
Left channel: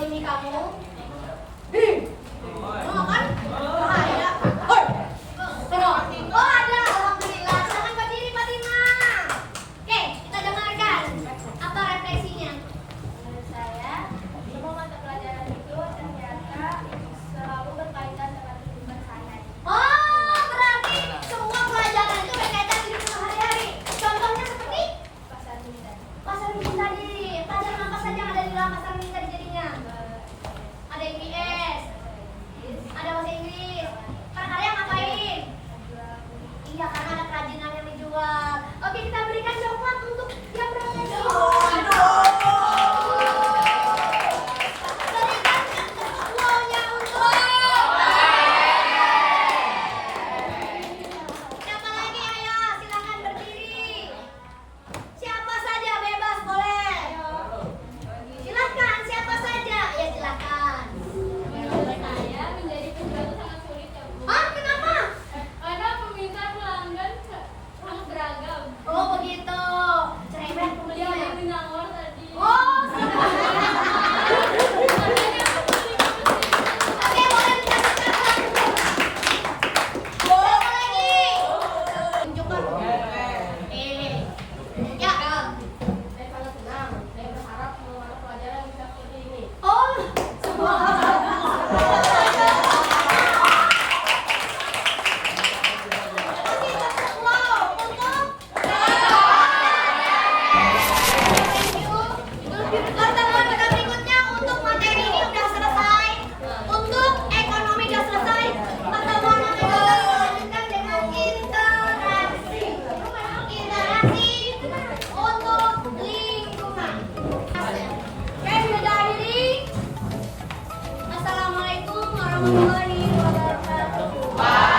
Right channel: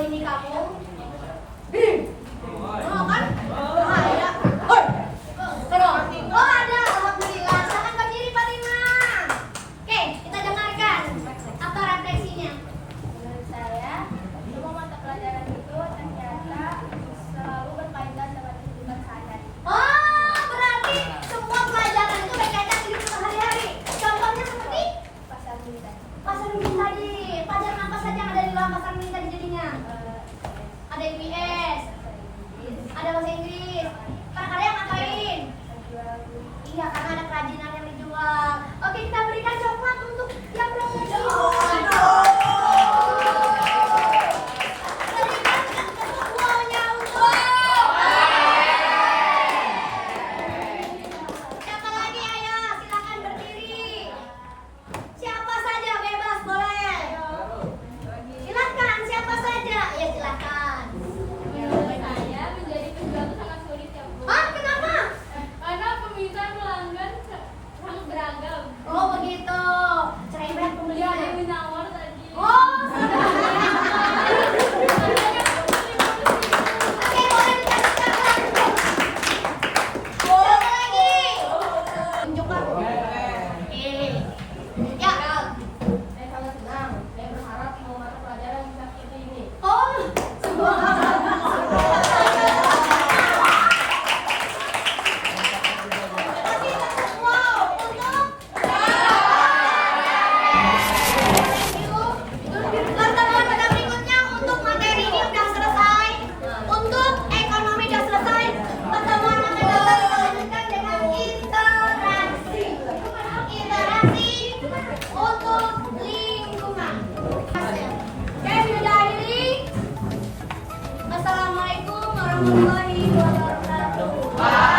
ini kamu? Oh kan? Ada. Oh ada, alhamdulillah. Selamat berdiri Fatima. Oke, kita dengarkan apa refleksinya. Menurut saya, semua mata pelajaran itu ternyata selalu berkaitan dengan kehidupan sehari-hari. Oh, berarti semua pelajaran itu berkaitan hidup sehari-hari. Contohnya seperti Pasar militer. pasar minggu tadi. Pelajaran apa saja yang ada di dalam pasar minggu tadi jadinya? Ada IPS, ada bahasa Inggris. Karya ngapain? Iya, karena ada kerajinan yang dijual. Oke, kita berikan coklat untuk yang berhasil. Berikan semuanya untuk. Siapa lagi? Ayo, silakan berdiri. Siapa saja bebas boleh. Silakan, siapa saja? Ya silakan. Menurut saya, menjadi penjual itu sangat sulit ya Bu. Ah, kenapa? Karena permintaan pelanggan sangat beragam. Oh begitu. Cerewet Dia pembelinya. yang menawar tadi. Oh, oke, boleh dikasih boleh lagi. Tunjukkan. Ya. Saya sangat senang. Saya berharap semua mata pelajaran bisa seperti ini. Oh, semua. Wow, untuk. Pertemuan kita berikutnya untuk materi ini sudah selesai. Untuk ekonomi sudah selesai. Pertemuan yang akan datang dilanjutkan dengan interaksi. Interaksi untuk lingkungan. Saya sudah akhiri. Assalamualaikum warahmatullahi wabarakatuh.